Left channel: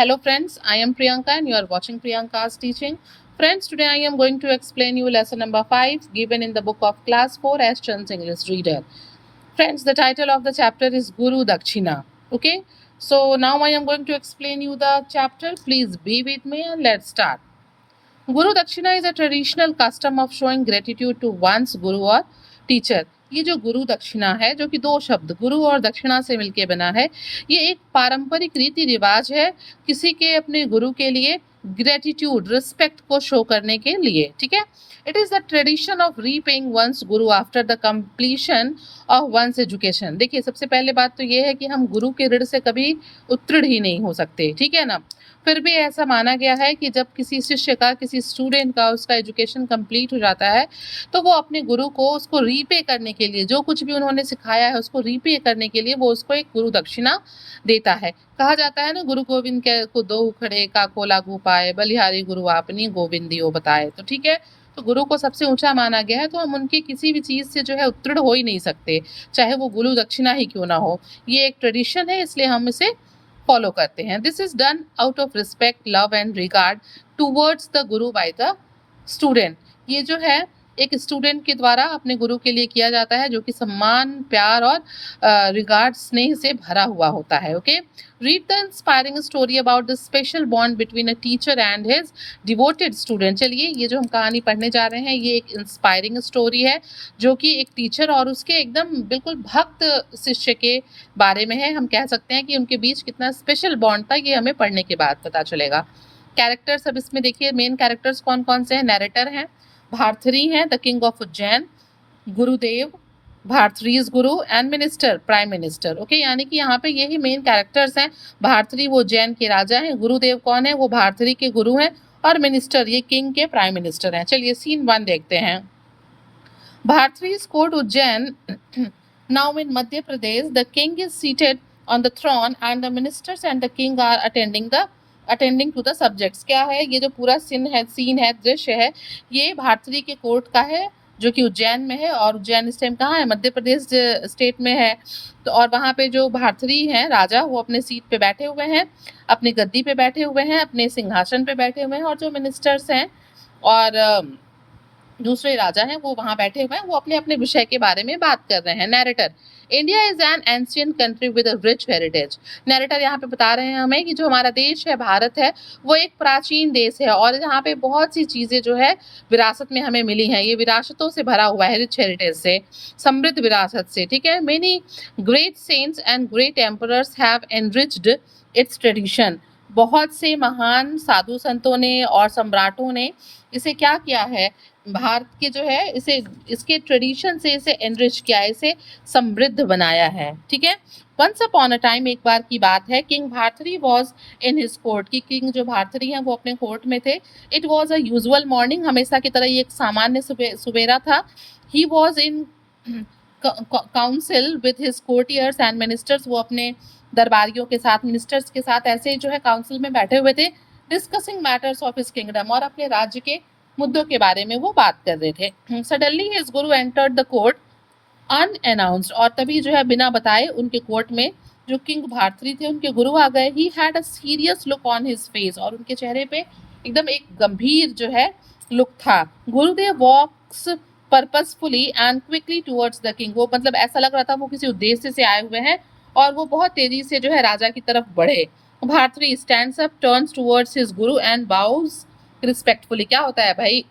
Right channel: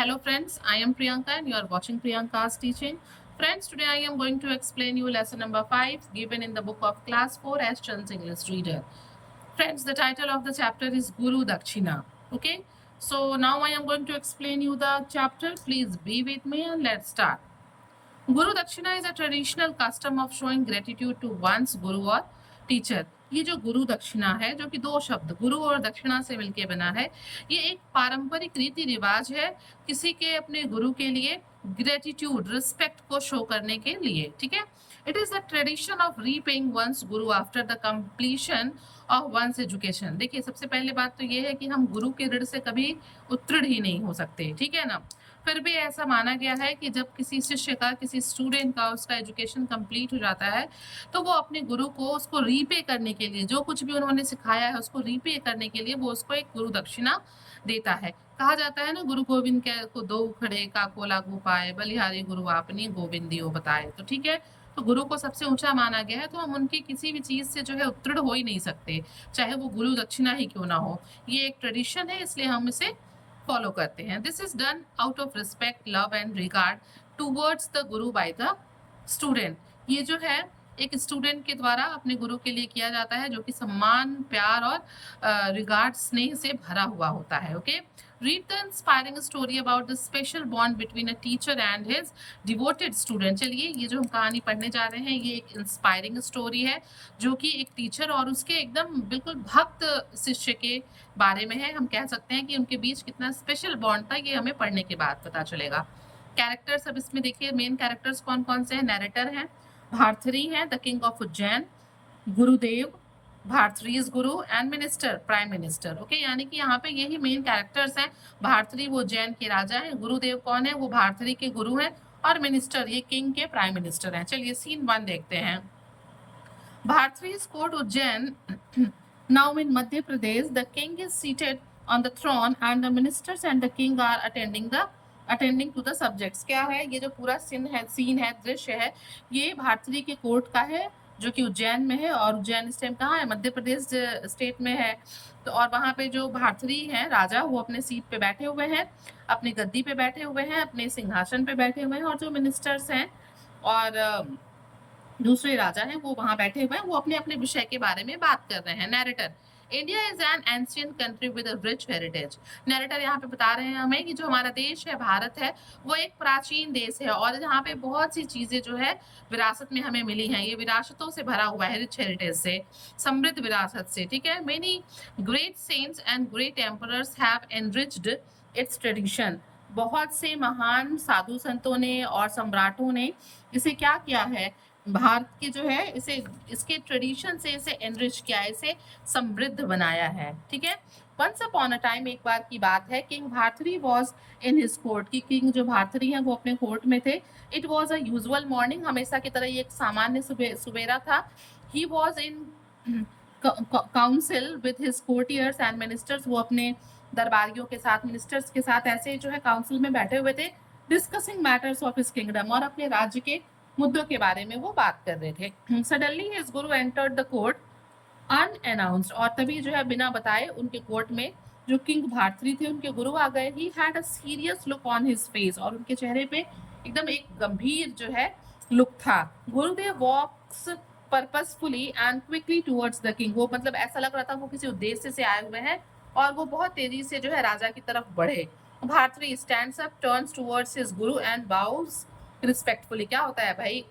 Hello friends, I am Priyanka and you are watching Priyanka's teaching. Friends, today I am going to explain you lesson number 5 given in the book of class 4 as Chand's English reader. Friends, the title of the chapter is Guru Dakshina. Okay, so now I am going to explain you the chapter. Please be with me and let's start. Guru Dakshina is a traditional custom of showing gratitude to one's guru or teacher. ये जो गुरु दक्षिणा है, जो कि दो शब्द गुरु और दक्षिणा से मिलके बना है, ये एक पारंपरिक रीति रिवाज है किसी के अपने गुरु के लिए ग्रेटिट्यूड, रिस्पेक्ट को शो करने के लिए. ठीक है. It is the tradition of repaying one's guru after the completion of one's education. देखिए, सबसे पहले बात तो ये है कि हम गुरु के ऋण से कभी उत्तीर्ण ही नहीं हो सकते. ठीक है ना. फिर भी ऐसा माना गया है कि जब किसी शिष्य का, किसी स्टूडेंट का उसका एजुकेशन कंप्लीट हो जाता है तो वो अपने गुरु को उसको रीपे करने के लिए, जो कुछ भी उन्होंने सिखाया है उसको रीपे करने के लिए वो उसको एक गुरु दक्षिणा देता है. कहा जाता है ना, गुरु गोविंद के को दो उखड़े काको लागू पाए, बलिहारी गुरु आपनी गोविंदियो बताए. तो ठीक है, तो गुरु को सबसे ऊंचा माना गया है, तो हम उनकी किसी भी चीज से जो है उत्तीर्ण हो ही नहीं सकते, चाहे वो गुरु दक्षिणा ही क्यों ना हो. ये एक ट्रेडिशन है, इसलिए हम इसे फॉलो करते हैं. This is done out of respect, love and regard towards the Guru by the student. ये जो है एक स्टूडेंट के द्वारा अपने गुरु के लिए किया जाता है, जो कि सम्मान, प्यार और रिगार्ड, स्नेह से भरा हुआ होता है. Okay, read the inspiring story about the special bond between a teacher and his devoted student. चलिए, ये जो हम कहानी पढ़ने जा रहे हैं ये एक इंस्पायरिंग स्टोरी है, जो कि एक टीचर और उसके एकदम बिल्कुल भक्त शिष्य के बारे में है. हम कह सकते हैं कि उनके बीच कितना स्पेशल बॉन्ड था, ये हमें पढ़ने के बाद पता चलेगा. कैरेक्टर्स अब इसमें देखिए, मेन कैरेक्टर्स कौन कौन से हैं. नैरेटर हैं, भारथरी हैं, the king of Ujjain, Gurudev, भारथरीज Guru and minister, prime minister. Okay, यानी कि यहाँ पे यही मेन कैरेक्टर्स हैं. भारथरी वो उज्जैन के राजा हैं, गुरुदेव कौन है, वो भारथरी के गुरु हैं, और मिनिस्टर ये किंग के प्राइम मिनिस्टर हैं. चलिए सीन 1 देखते हैं. Bharthari's court Ujjain. Now in Madhya Pradesh, the king is seated on the throne and the ministers and the king are attending to the subjects. क्या है ये जो पूरा सीन है, दृश्य है, ये भारतरी के कोर्ट का है, जो कि उज्जैन में है. और उज्जैन इस टाइम कहाँ है, मध्य प्रदेश स्टेट में है. तो और वहाँ पे जो भारतरी हैं राजा, वो अपने सीट पे बैठे हुए हैं, अपनी गद्दी पे बैठे हुए हैं, अपने सिंहासन पे बैठे हुए हैं. और जो मिनिस्टर्स हैं और दूसरे राजा हैं वो वहां बैठे हुए हैं, वो अपने अपने विषय के बारे में बात कर रहे हैं. Narrator. India is an ancient country with a rich heritage. Narrator यहाँ पे बता रहे हैं हमें कि जो हमारा देश है, भारत है, वो एक प्राचीन देश है और यहाँ पे बहुत सी चीजें जो है विरासत में हमें मिली हैं. ये विरासतों से भरा हुआ है, रिच हेरिटेज से, समृद्ध विरासत से. ठीक है. Many great saints and great emperors have enriched its tradition. बहुत से महान साधु संतों ने और सम्राटों ने इसे क्या किया है, भारत के जो है इसे, इसके ट्रेडिशन से इसे एनरिच किया है, इसे समृद्ध बनाया है. ठीक है. वंस अपॉन अ टाइम, एक बार की बात है, king Bharthari was in his court. की किंग जो भारथरी हैं वो अपने कोर्ट में थे. It was a usual morning. हमेशा की तरह ये एक सामान्य सुबेरा था. He was in council with his courtiers and ministers. वो अपने दरबारियों के साथ, मिनिस्टर्स के साथ ऐसे जो है काउंसिल में बैठे हुए थे. Discussing matters of his kingdom. और अपने राज्य के मुद्दों के बारे में वो बात कर रहे थे. Suddenly his Guru entered the court unannounced. और तभी जो है बिना बताए उनके कोर्ट में जो किंग भारथरी थे उनके गुरु आ गए. He had a serious look on his face. और उनके चेहरे पे एकदम एक गंभीर जो है लुक था. Gurudev walks purposefully and quickly towards the king. वो मतलब ऐसा लग रहा था वो किसी उद्देश्य से आए हुए हैं और वो बहुत तेजी से जो है राजा की तरफ बढ़े. Bharthari stands up, turns towards his guru and bows respectfully. क्या होता है भाई,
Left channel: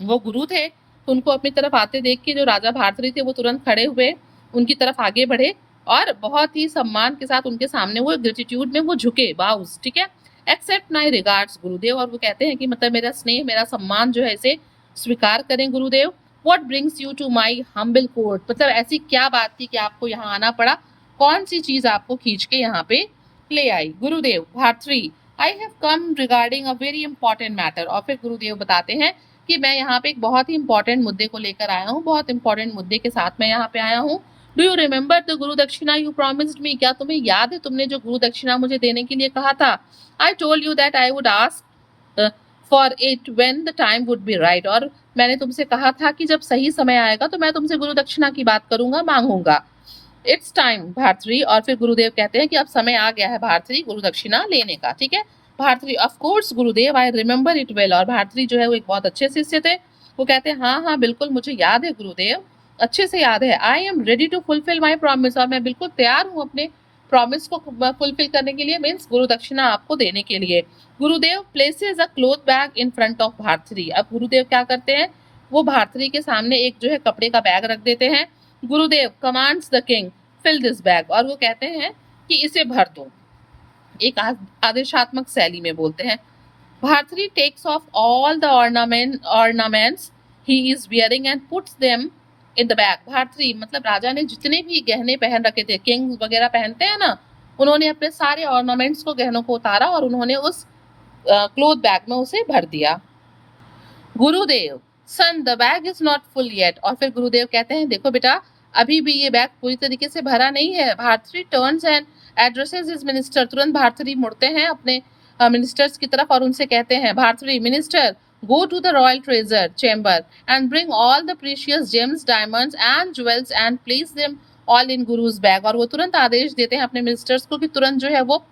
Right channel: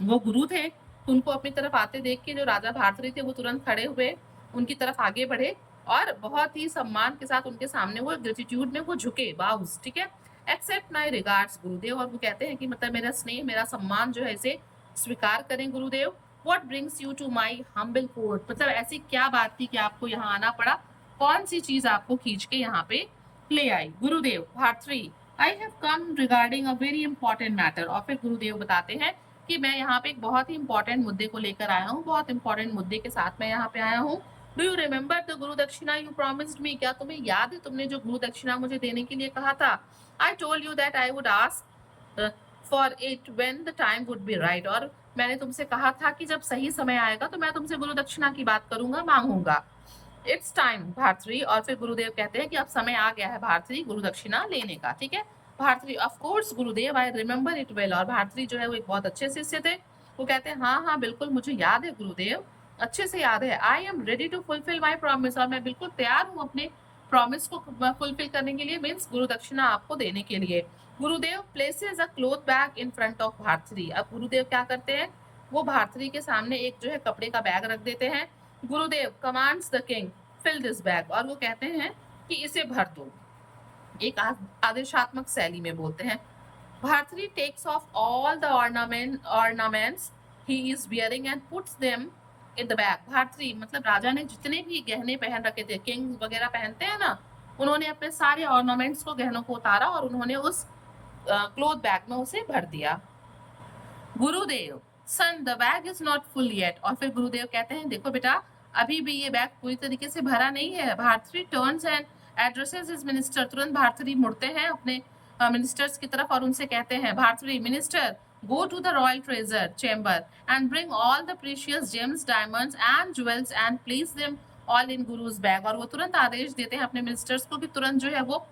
वो गुरु थे तो उनको अपनी तरफ आते देख के जो राजा भारथरी थे वो तुरंत खड़े हुए, उनकी तरफ आगे बढ़े और बहुत ही सम्मान के साथ उनके सामने वो ग्रेटिट्यूड में वो झुके, बाउज. ठीक है. एक्सेप्ट माई रिगार्ड्स गुरुदेव. और वो कहते हैं कि मतलब मेरा स्नेह, मेरा सम्मान जो है इसे स्वीकार करें गुरुदेव. What brings you to my humble court. मतलब ऐसी क्या बात थी कि आपको यहाँ आना पड़ा, कौन सी चीज आपको खींच के यहाँ पे ले आई. Gurudev. Bharthari. I have come regarding a very important matter. और फिर गुरुदेव बताते हैं कि मैं यहाँ पे एक बहुत ही इंपॉर्टेंट मुद्दे को लेकर आया हूँ, बहुत इंपॉर्टेंट मुद्दे के साथ मैं यहाँ पे आया हूँ. डू यू रिमेंबर द गुरु दक्षिणा यू प्रॉमिस्ड मी. क्या तुम्हें याद है तुमने जो गुरु दक्षिणा मुझे देने के लिए कहा था. I told you that I would ask for it when the time would be right. और मैंने तुमसे कहा था कि जब सही समय आएगा तो मैं तुमसे गुरु दक्षिणा की बात करूंगा, मांगूंगा. इट्स टाइम भारतरी, और फिर गुरुदेव कहते हैं कि अब समय आ गया है भारतरी गुरु दक्षिणा लेने का, ठीक है। भारतरी of course Gurudev, I remember it well, और भारतरी जो है वो एक बहुत अच्छे शिष्य थे। वो कहते हैं हाँ हाँ बिल्कुल मुझे याद है गुरुदेव, अच्छे से याद है। I am ready to fulfil my promise, और मैं बिल्कुल तैयार हूँ अपने प्रॉमिस को फुलफिल करने के लिए, मीन्स गुरु दक्षिणा आपको देने के लिए। Gurudev places a cloth bag in front of Bharthari. अब गुरुदेव क्या करते हैं, वो भारतरी के सामने एक जो है कपड़े का बैग रख देते हैं। गुरुदेव commands the king fill this bag, और वो कहते हैं कि इसे भर दो, एक आदेशात्मक शैली में बोलते हैं। Bharthari takes off all the ornaments he is wearing and puts them in the bag. Bharthari मतलब राजा ने जितने भी गहने पहन रखे थे, किंग वगैरह पहनते हैं ना, उन्होंने अपने सारे ऑर्नामेंट्स को, गहनों को उतारा और उन्होंने उस क्लोथ बैग में उसे भर दिया। Gurudev son the bag is not full yet, और फिर गुरुदेव कहते हैं देखो बेटा अभी भी ये बैग पूरी तरीके से भरा नहीं है। Bharthari turns and addresses his minister, तुरंत भारतरी मुड़ते हैं अपने मिनिस्टर्स की तरफ और उनसे कहते हैं Bharthari minister go to the royal treasure chamber and bring all the precious gems diamonds and jewels and place them all in guru's bag. और वो तुरंत आदेश देते हैं अपने मिनिस्टर्स को कि तुरंत जो है वो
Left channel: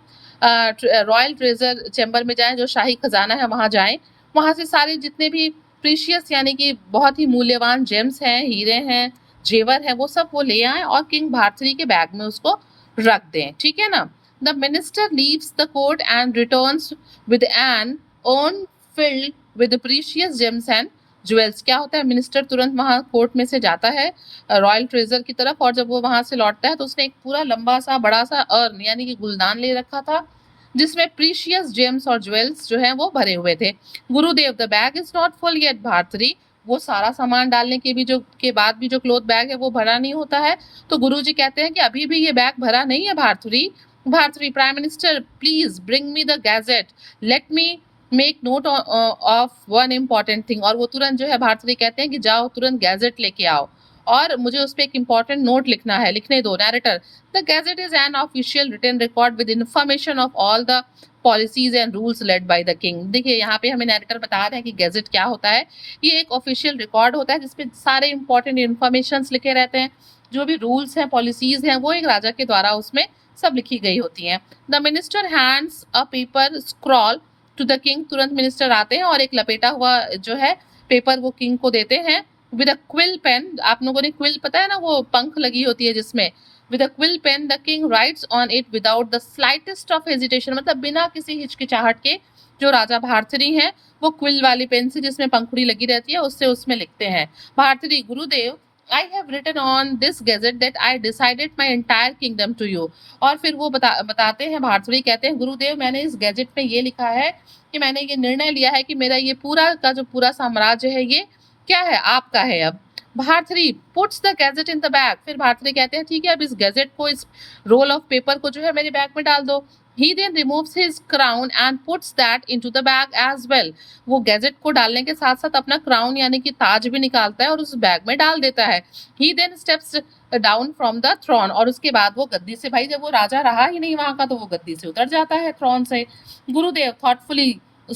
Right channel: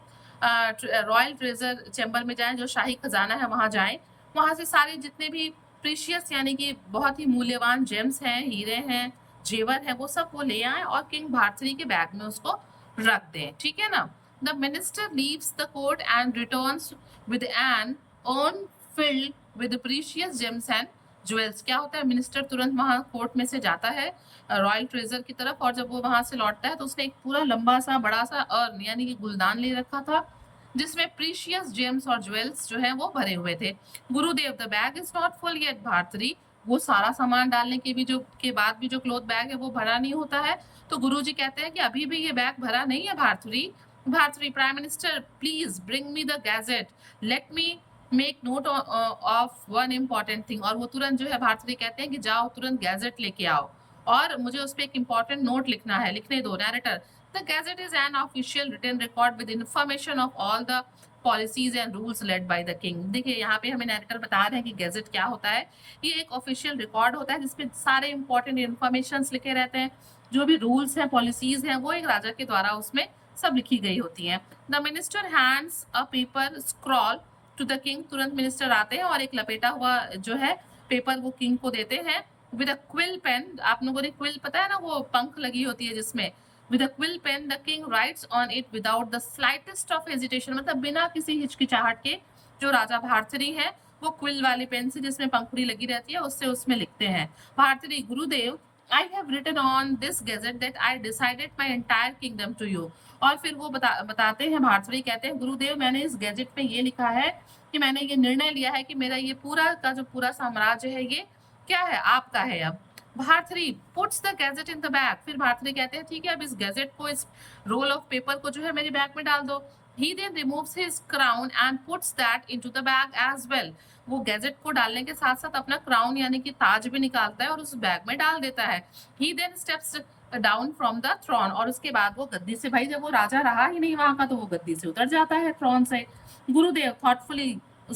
रॉयल ट्रेजर चेम्बर में जाएं, जो शाही खजाना है वहां जाएं, वहां से सारे जितने भी प्रीशियस यानी कि बहुत ही मूल्यवान जेम्स हैं, हीरे हैं, जेवर है, वो सब वो ले आए और किंग भारतरी के बैग में उसको रख दें, ठीक है ना। The minister leaves the court and returns with an urn filled with precious gems and jewels. क्या होता है, मिनिस्टर तुरंत वहां कोर्ट में से जाता है रॉयल ट्रेजर की तरफ, और जब वो वहां से लौटता है तो उसने एक पूरा लंबा सा बड़ा सा अर्न यानी कि गुलदान ले रखा था जिसमें प्रीशियस जेम्स और ज्वेल्स जो है वो भरे हुए थे। Gurudev the bag is not full yet Bharthari, वो सारा सामान डालने के बाद भी जो क्लोथ बैग है वो भरा नहीं होता है। तो गुरुजी कहते हैं कि अभी भी ये बैग भरा नहीं है Bharthari. Bharthari prime minister please bring me the gadget, let me make note of one important thing. और वो तुरंत जो है भारतरी कहते हैं कि जाओ तुरंत गैजेट लेके आओ और मुझे उस पर एक इंपॉर्टेंट नोट लिखना है, लिखने दो। Narrator the gazette is an official written record with information of all the policies and rules laid by the king. देखिए यहाँ पे हमें नैरेटर बता रहे हैं कि गैजेट क्या होता है। ये एक ऑफिशियल रिकॉर्ड होता है जिसपे सारे इंपॉर्टेंट इन्फॉर्मेशन लिखे रहते हैं, जो भी रूल्स हैं पॉलिसीज हैं वो एक राजा के द्वारा उसमें सब लिखी गई होती हैं। The minister hands a paper scroll to the king, तुरंत मिनिस्टर आते हैं और एक लपेटा हुआ जो है पेपर वो किंग को देते हैं। विद अ क्विल पेन, आप लोगों ने क्विल पता है ना, वो पंख लगी होती है जिसमें, with a quill pen the king writes on it without the slightest of hesitation, मतलब बिना किसी हिचकिचाहट के जो राजा भारतरी हैं वो क्विल वाली पेन से जिसमें पंखुड़ी लगी रहती है उससे उसमें लिखते हैं। भारतरी गुरुदेव I have written on this gazette that I decided my entire kingdom to you. और फिर वो बताते हैं, भारतरी कहते हैं गुरुदेव मैंने इस गैजेट में ये लिखा है कि मैंने ये निर्णय लिया है कि मेरा ये पूरा का जो पूरा साम्राज्य है ये क्या है, आपका है। अब Bharthari puts the gadget in the bag, फिर भारतरी कहते हैं ठीक है अब इस गैजेट को, इस रोल ऑफ पेपर को जो है मेरे बैग में डाल दो। He then removes his crown and puts that into the bag as well. वो गैजेट को डालने के साथ साथ अपना क्राउन यानी कि ताज भी निकालता है और उस बैग में डाल देता है। He then steps down from the throne, और उसके बाद वो गद्दी से, भाई जब वो राजा रहा ही नहीं वहां का तो वो गद्दी से उतर जाता है, थ्रोन से। गुरुदेव thoughtfully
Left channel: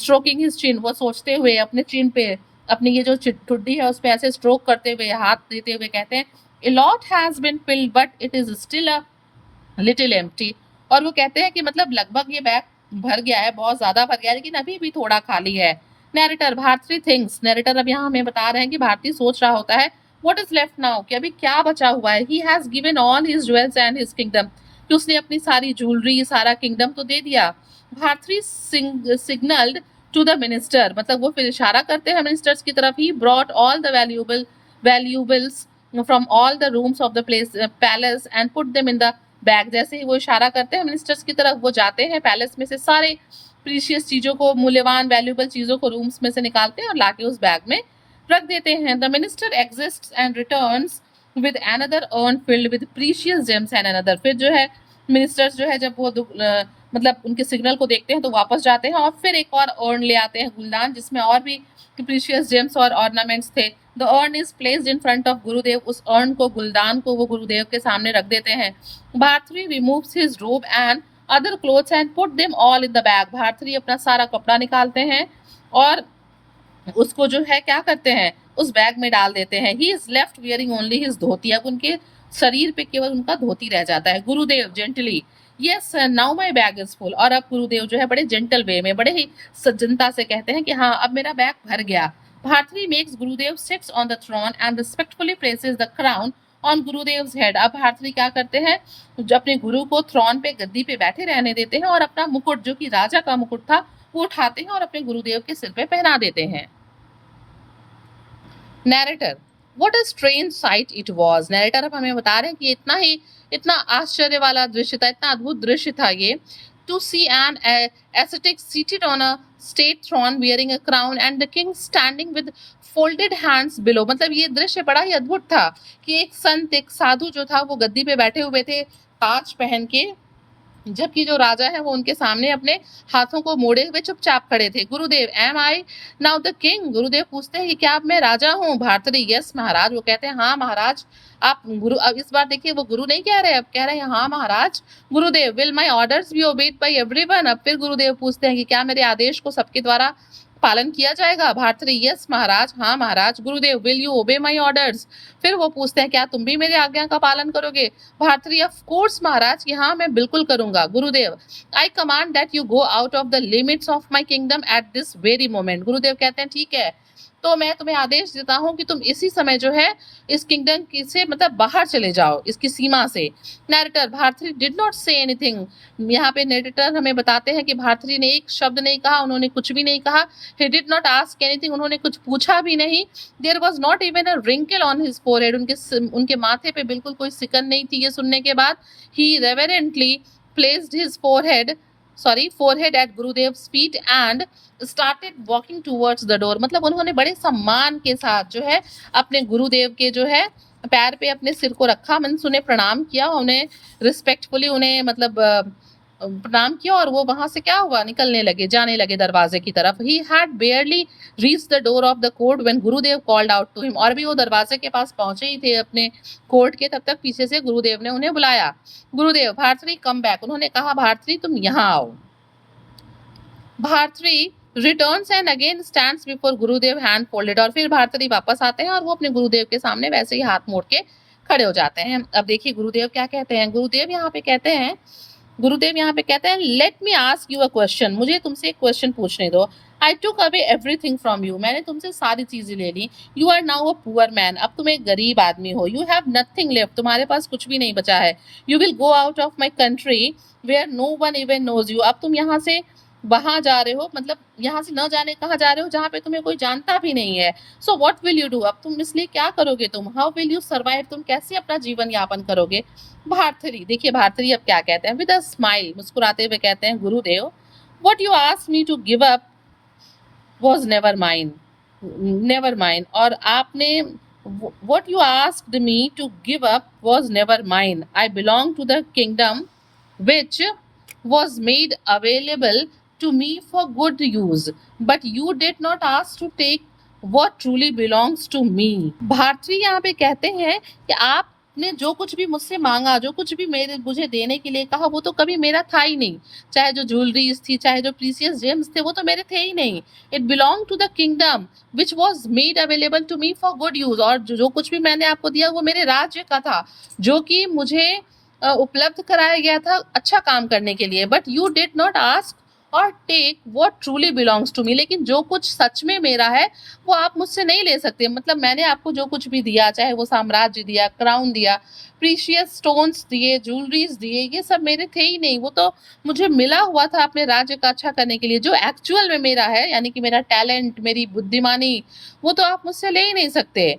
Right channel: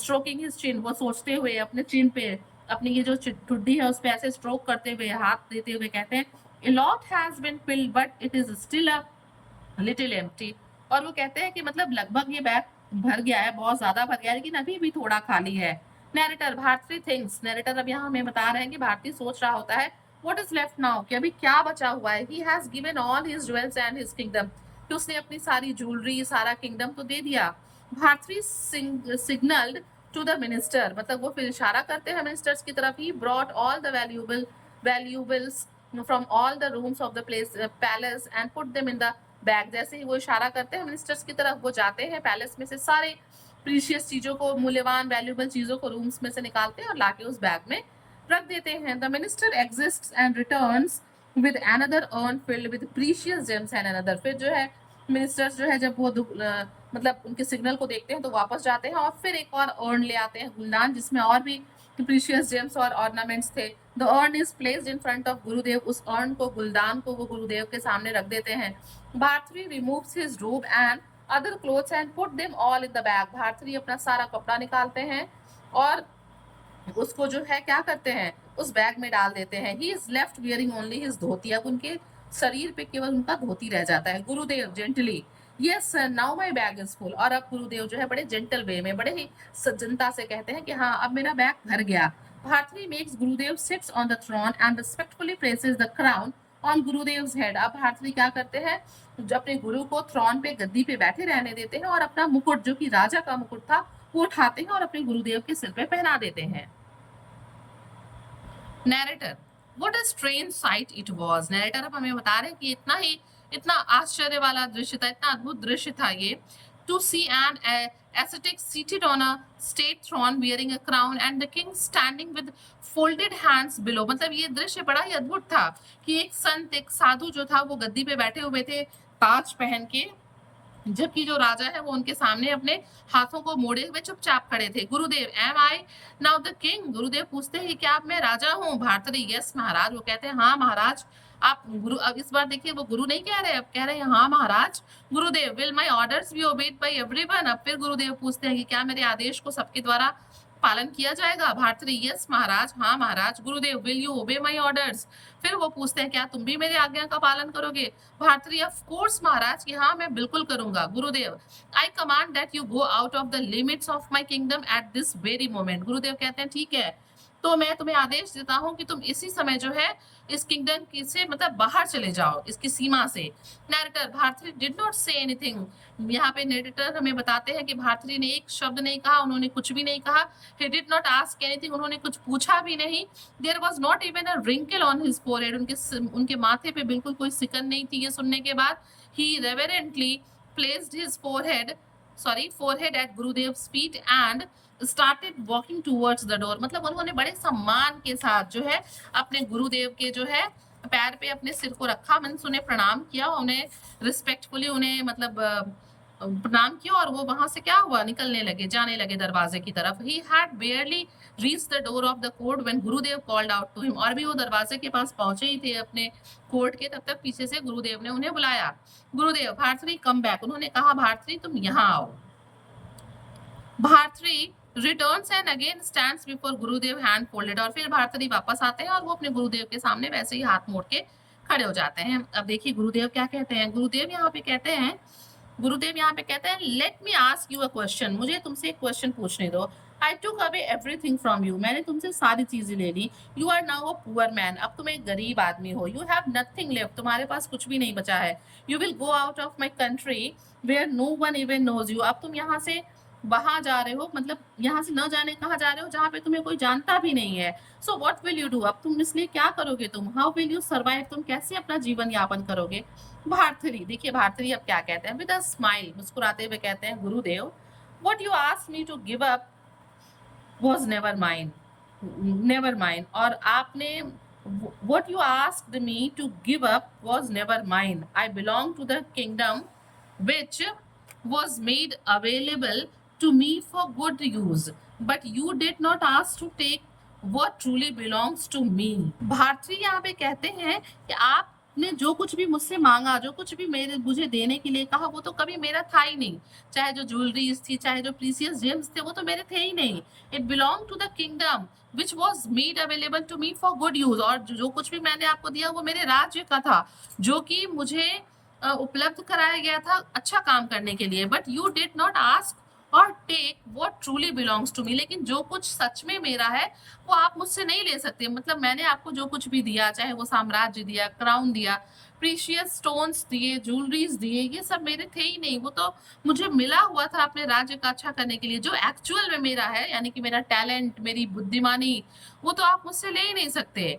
stroking his chin, वो सोचते हुए अपने चिन पे अपनी ये जो ठुड्डी है उस पे ऐसे स्ट्रोक करते हुए हाथ देते हुए कहते हैं a lot has been filled but it is still a little empty। और वो कहते हैं कि मतलब लगभग ये बैग भर गया है, बहुत ज्यादा भर गया है लेकिन अभी भी थोड़ा खाली है। नैरेटर भारती थिंग्स, नैरेटर अब यहाँ हमें बता रहे हैं कि भारती सोच रहा होता है व्हाट इज लेफ्ट नाउ, कि अभी क्या बचा हुआ है। He has given all his jewels and his kingdom, कि उसने अपनी सारी ज्वेलरी सारा किंगडम तो दे दिया। Bharti signalled to the minister, मतलब वो फिर इशारा करते हैं मिनिस्टर्स की तरफ। He brought all the valuables from all the rooms of the palace and put them in the bag. जैसे ही वो इशारा करते हैं मिनिस्टर्स की तरफ, वो जाते हैं पैलेस में से सारे प्रीशियस चीजों को, मूल्यवान वैल्यूएबल चीजों को रूम्स में से निकालते हैं और लाके उस बैग में रख देते हैं। The minister exists and returns with another earn filled with precious gems and another. फिर जो है मिनिस्टर्स जो है जब वो मतलब उनके सिग्नल को देखते हैं तो वापस जाते हैं और फिर एक और अर्न ले आते हैं, गुलदान, जिसमें और भी प्रीशियस जेम्स और ऑर्नामेंट्स थे। The earn is placed in front of गुरुदेव, उस अर्न को, गुलदान को वो गुरुदेव के सामने रख देते हैं। Bharthari removes his robe and other clothes and put them all in the bag. Bharthari अपना सारा कपड़ा निकालते हैं और उसको जो है क्या करते हैं, उस बैग में डाल देते हैं। He is left wearing only his dhoti. अब उनके शरीर पे केवल उनका धोती रह जाता है। गुरुदेव gently, yes now my bag is full. और अब गुरुदेव जो है बड़े जेंटल वे में, बड़े ही सज्जनता से कहते हैं कि हाँ अब मेरा बैग भर गया। Bharati makes Gurudev sits on the throne and respectfully places the crown on Gurudev's head. अब भारती क्या करते हैं, जो अपने गुरु को थ्रोन पे, गद्दी पे बैठे रहने देते हैं और अपना मुकुट, जो कि राजा का मुकुट था, वो उठाते हैं और अपने गुरुदेव के सिर पे पहना देते हैं। Narrator, what a strange site it was. Narrator अब हमें बता रहे हैं कि इतना आश्चर्य वाला दृश्य था, इतना अद्भुत दृश्य था ये। To see an ascetic seated on a state throne wearing a crown and the king standing with folded hands below। मतलब ये दृश्य बड़ा ही अद्भुत था कि एक संत, एक साधु जो था वो गद्दी पे बैठे हुए थे ताज पहन के, जबकि जो राजा है वो उनके सामने अपने हाथों को मोड़े हुए चुपचाप खड़े थे। Gurudev, am I now the king. Gurudev पूछते हैं कि क्या अब मैं राजा हूँ। भारती, यस महाराज। वो कहते हैं हाँ महाराज आप गुरु। अब इस बार देखिए वो गुरु नहीं कह रहे, अब कह रहे हैं हाँ महाराज। Gurudev, will my orders be obeyed by everyone. अब फिर गुरुदेव पूछते हैं कि क्या मेरे आदेश को सबके द्वारा पालन किया जाएगा। भारती, यस महाराज, हाँ महाराज। गुरुदेव, विल यू ओबे माई ऑर्डर्स। फिर वो पूछते हैं क्या तुम भी मेरी आज्ञा का पालन करोगे। भारती, ऑफ कोर्स महाराज, कि हाँ मैं बिल्कुल करूंगा। गुरुदेव, आई command that you go out of the limits of my kingdom at this very moment. गुरुदेव कहते हैं ठीक है, तो मैं तुम्हें आदेश देता हूँ कि तुम इसी समय जो है इस किंगडम से मतलब बाहर चले जाओ, इसकी सीमा से। Narrator, Bharati did not say anything. यहाँ पे नैरेटर हमें बताते हैं कि भारती ने एक शब्द नहीं कहा, उन्होंने कुछ भी नहीं कहा। he did not ask anything, उन्होंने कुछ पूछा भी नहीं। there was not even a wrinkle on his forehead, उनके माथे पे बिल्कुल कोई सिकन नहीं थी। ये सुनने के बाद he reverently placed his forehead at Gurudev's feet and started walking towards the door। मतलब उन्होंने बड़े सम्मान के साथ जो है अपने गुरुदेव के जो है पैर पे अपने सिर को रखा, मीन्स उन्हें प्रणाम किया, उन्हें रिस्पेक्टफुली उन्हें मतलब प्रणाम किया और वो वहां से क्या हुआ, निकलने लगे, जाने लगे दरवाजे की तरफ। He had बेयरली reach the door of the court when Gurudev called out to him. और भी वो दरवाजे के पास पहुंचे ही थे अपने कोर्ट के, तब तक पीछे से गुरुदेव ने उन्हें बुलाया। गुरुदेव, भारती कम बैक। उन्होंने कहा भारती तुम यहाँ आओ। Bharati returns and again stands before Gurudev hand folded. और फिर भारती वापस आते हैं और वो अपने गुरुदेव के सामने वैसे ही हाथ मोड़ के खड़े हो जाते हैं। अब देखिए गुरुदेव क्या कहते हैं। गुरुदेव यहाँ पे कहते हैं let me ask you a question. मुझे तुमसे एक क्वेश्चन पूछने दो। I took away everything from you. मैंने तुमसे सारी चीजें ले ली। You are now a poor man. अब तुम एक गरीब आदमी हो। You have nothing left. तुम्हारे पास कुछ भी नहीं बचा है। You will go out of my country where no one even knows you. अब तुम यहाँ से वहां जा रहे हो, मतलब यहाँ से न जाने कहाँ जा रहे हो जहाँ पे तुम्हें कोई जानता भी नहीं है। So what will you do. अब तुम इसलिए क्या करोगे तुम। How will you survive. तुम कैसे अपना जीवन यापन करोगे। भारती, देखिए भारती अब क्या कहते हैं, विद अ स्माइल, मुस्कुराते हुए कहते हैं Gurudev, what you asked me to give up was never mine. और आपने what you asked me to give up was never mine. I belong to the kingdom which was made available to me for good use, but you did not ask to take what truly belongs to me। Bharati यहाँ पे कहते हैं कि आपने जो कुछ भी मुझसे मांगा, जो कुछ भी मुझे देने के लिए कहा, वो तो कभी मेरा था ही नहीं। चाहे जो ज्वेलरीज थी, चाहे जो प्रीसियस जेम्स थे, वो तो मेरे थे ही नहीं। It belong to the kingdom which was made available to me for good use. और जो कुछ भी मैंने आपको दिया वो मेरे राज्य का था, जो कि मुझे उपलब्ध कराया गया था अच्छा काम करने के लिए। But you did not ask or take what truly belongs to me. लेकिन जो कुछ सच में मेरा है वो आप मुझसे नहीं ले सकते। मतलब मैंने आपको जो कुछ भी दिया, चाहे वो साम्राज्य दिया, क्राउन दिया, प्रीशियस स्टोन्स दिए, ज्वेलरीज दिए, ये सब मेरे थे ही नहीं। वो तो मुझे मिला हुआ था अपने राज्य का अच्छा करने के लिए। जो एक्चुअल में मेरा है, यानी कि मेरा टैलेंट, मेरी बुद्धिमानी, वो तो आप मुझसे ले ही नहीं सकते।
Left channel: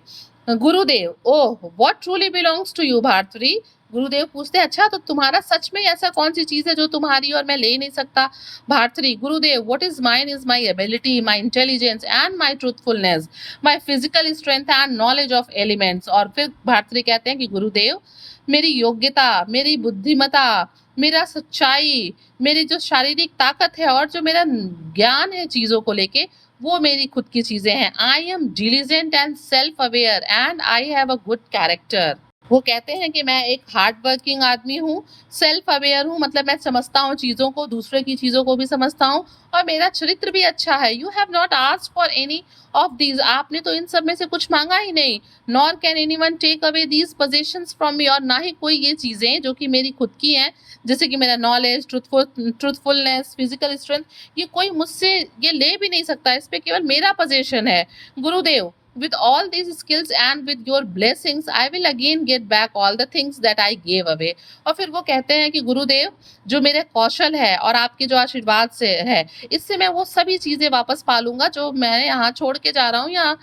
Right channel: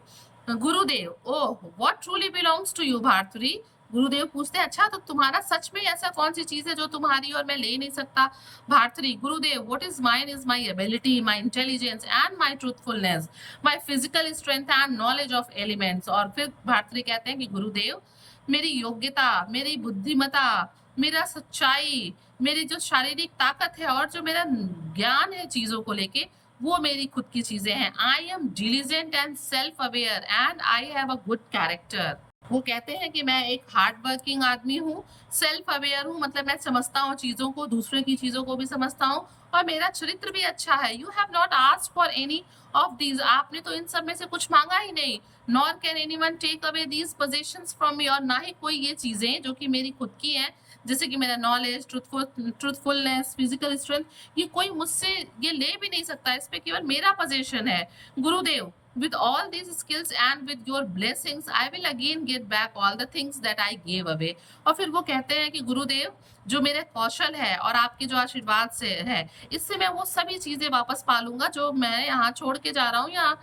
Gurudev, oh what truly belongs to you. Bharati, Gurudev पूछते हैं अच्छा तो तुम्हारा सच में ऐसा कौन सी चीज है जो तुम्हारी और मैं ले नहीं सकता। भारती, गुरुदेव, what is mine is my ability, my intelligence and my truthfulness, my physical strength and knowledge of elements. और फिर भारती कहते हैं कि गुरुदेव, मेरी योग्यता, मेरी बुद्धिमता, मेरा सच्चाई, मेरी जो शारीरिक ताकत है और जो मेरा ज्ञान है चीजों को लेके, वो मेरी खुद की चीजें हैं। I am diligent and self aware and I have a good character. वो कहते हैं कि मैं एक हार्ड वर्किंग आदमी हूँ, सेल्फ अवेयर हूँ, मतलब मैं समझता हूँ चीज़ों को, दूसरे की चीज़ों को भी समझता हूँ और मेरा चरित्र भी अच्छा है। You have not asked for any of these, आपने तो इन सब में से कुछ मांगा ही नहीं। Nor can anyone take away these possessions from me, और ना ही कोई ये चीज़ें जो कि मेरी खुद की हैं, जैसे कि मेरा नॉलेज, ट्रूथफुलनेस, फिजिकल स्ट्रेंथ, ये कोई मुझसे ये ले भी नहीं सकता, इस पे केवल मेरा पोजेशन है। गुरुदेव, with all these skills and with your blessings I will again get back all the things that I gave away। और फिर वो कहते हैं कि गुरुदेव, जो मेरे कौशल है और आपके जो आशीर्वाद से है, इससे मैं वो सभी चीजें वापस पालूंगा जो मैं यहाँ छोड़ के जा रहा हूँ या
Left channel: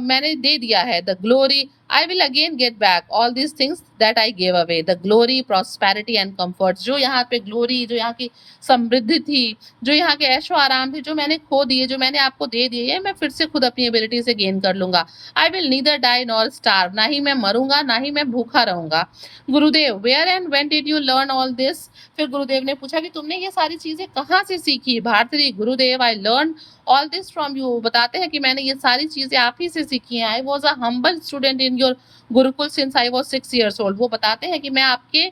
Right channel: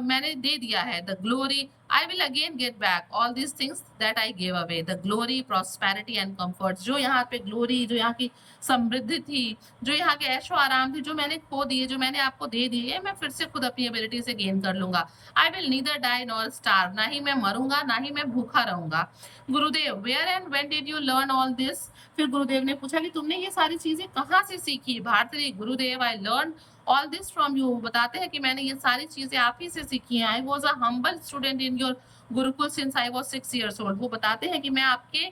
मैंने दे दिया है। The glory I will again get back all these things that I gave away, the glory, prosperity and comfort, जो यहाँ पे ग्लोरी, जो यहाँ की समृद्धि थी, जो यहाँ के ऐशो आराम थे, जो मैंने खो दिए, जो मैंने आपको दे दिए, मैं फिर से खुद अपनी एबिलिटी से गेन कर लूंगा। I will neither die nor starve, ना ही मैं मरूंगा ना ही मैं भूखा रहूंगा। Gurudev, where and when did you learn all this? फिर गुरुदेव ने पूछा कि तुमने ये सारी चीजें कहाँ से सीखी? भारती, गुरुदेव, I learn all this from you, बताते हैं कि मैंने ये सारी चीजें आप ही से सीखी हैं। I was a humble student in your Gurukul since I was 6 years old। वो बताते हैं कि मैं आपके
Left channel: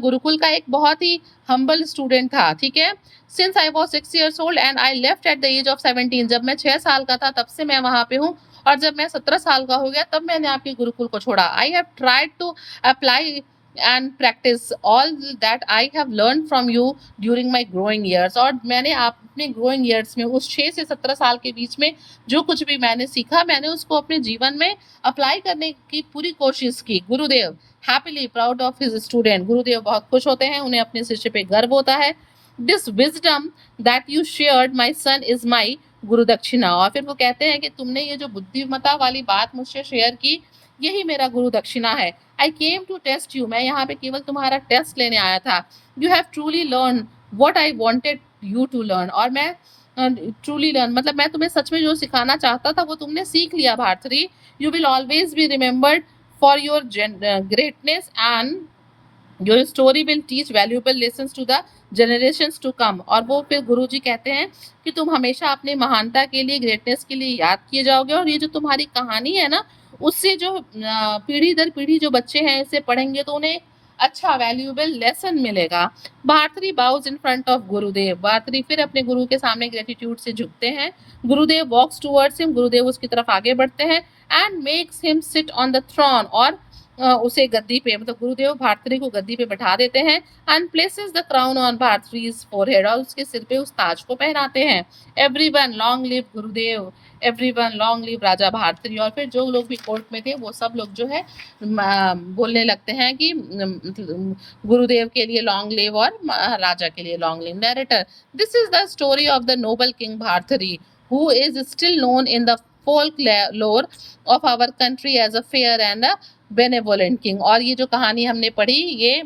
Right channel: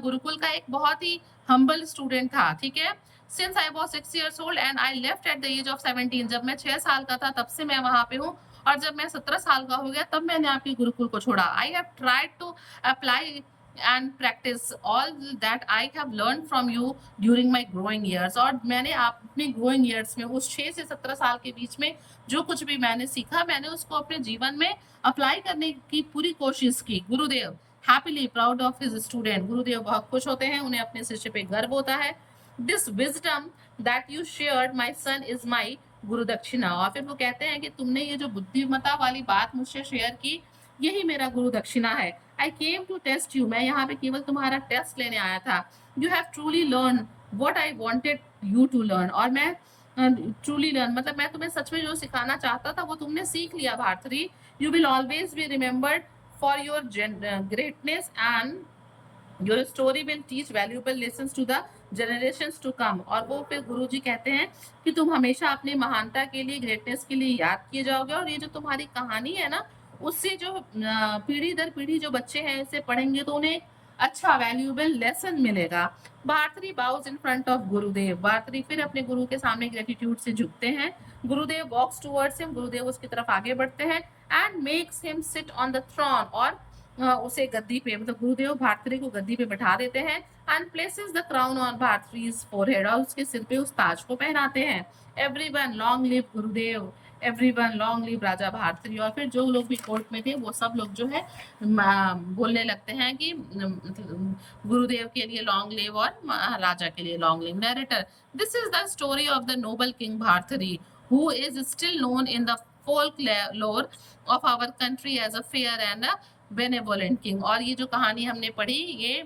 गुरुकुल का एक बहुत ही हम्बल स्टूडेंट था, ठीक है। Since I was 6 years old and I left at the age of 17, जब मैं 6 साल का था तब से मैं वहां पे हूँ, और जब मैं 17 साल का हो गया तब मैंने आपके गुरुकुल को छोड़ा। I have tried to apply and practice all that I have learn from you during my growing years, और मैंने अपने ग्रोइंग ईयर्स में उस 6 से 17 साल के बीच में जो कुछ भी मैंने सीखा, मैंने उसको अपने जीवन में अप्लाई करने की पूरी कोशिश की। गुरुदेव, happily proud of his student, गुरुदेव बहुत खुश होते हैं, उन्हें अपने शिष्य पे गर्व होता है। This wisdom that you shared my son is my guru dakshina, और फिर वो कहते हैं कि तुमने ये जो बुद्धिमता वाली बात मुझसे शेयर की, यही मेरा गुरु दक्षिणा है। I came to test you, मैं यहाँ पे केवल तुम्हारा टेस्ट लेने आया था। You have truly learn what I wanted you to learn, और मैं ट्रूली लर्न मतलब मैं तुम्हें सच में जो सिखाना चाहता था वो तुमने सीख लिया Bharati. You will always be remembered for your greatness and your story will teach valuable lessons to the generations to come. और वो फिर गुरुजी कहते हैं कि तुम हमेशा अपनी महानता के लिए, ग्रेटनेस के लिए याद किए जाओगे, और ये जो तुम्हारी कहानी है ना, उससे जो पीढ़ी दर पीढ़ी जो बच्चे हैं इसे पढ़ेंगे तो उन्हें अच्छा वैल्यूएबल लेसन मिलेगा। Bharati bows in front of Gurudev, Bharati फिर अपने गुरु के सामने ग्रेटिट्यूड से झुकते हैं। गुरुदेव वॉक्स टूवर्ड्स हिम, गुरुदेव उसकी तरफ आगे बढ़ते हैं। And makes him sit on the throne, और उसे गद्दी पे, मतलब गुरुदेव भारती को गद्दी पे बैठा देते हैं। And places the crown on Bharati's forehead, और उसके सिर पे उस ताज को पहनाते हैं। Everyone long live Gurudev, everyone long live Raja Bharati, और फिर जो लोग भी कोर्ट में थे वो सब लोग जो है बोलने लगते हैं कि गुरुदेव के लिए लॉन्ग लिव और राजा के लिए long live. Narrator, this is the story of the noble king Bharati, who is still known in the folklore of our country as a fair and a benevolent king। और ये जो कहानी हमने पढ़ी ये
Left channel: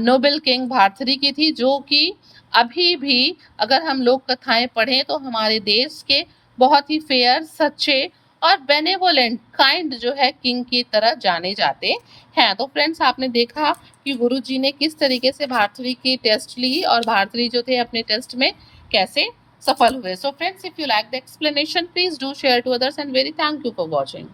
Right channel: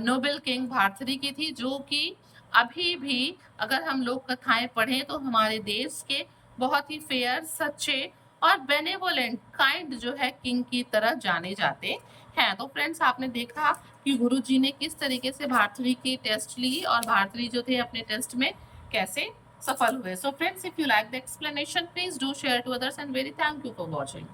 नोबल किंग भारती की थी, जो कि अभी भी अगर हम लोग कथाएं पढ़ें तो हमारे देश के बहुत ही फेयर, सच्चे और बेनेवोलेंट, काइंड जो है किंग की तरह जाने जाते हैं। तो फ्रेंड्स, आपने देखा कि गुरुजी ने किस तरीके से भारती की टेस्ट ली और भारती जो थे अपने टेस्ट में कैसे सफल हुए। So friends, if you like the explanation, please do share to others and very thank you for watching.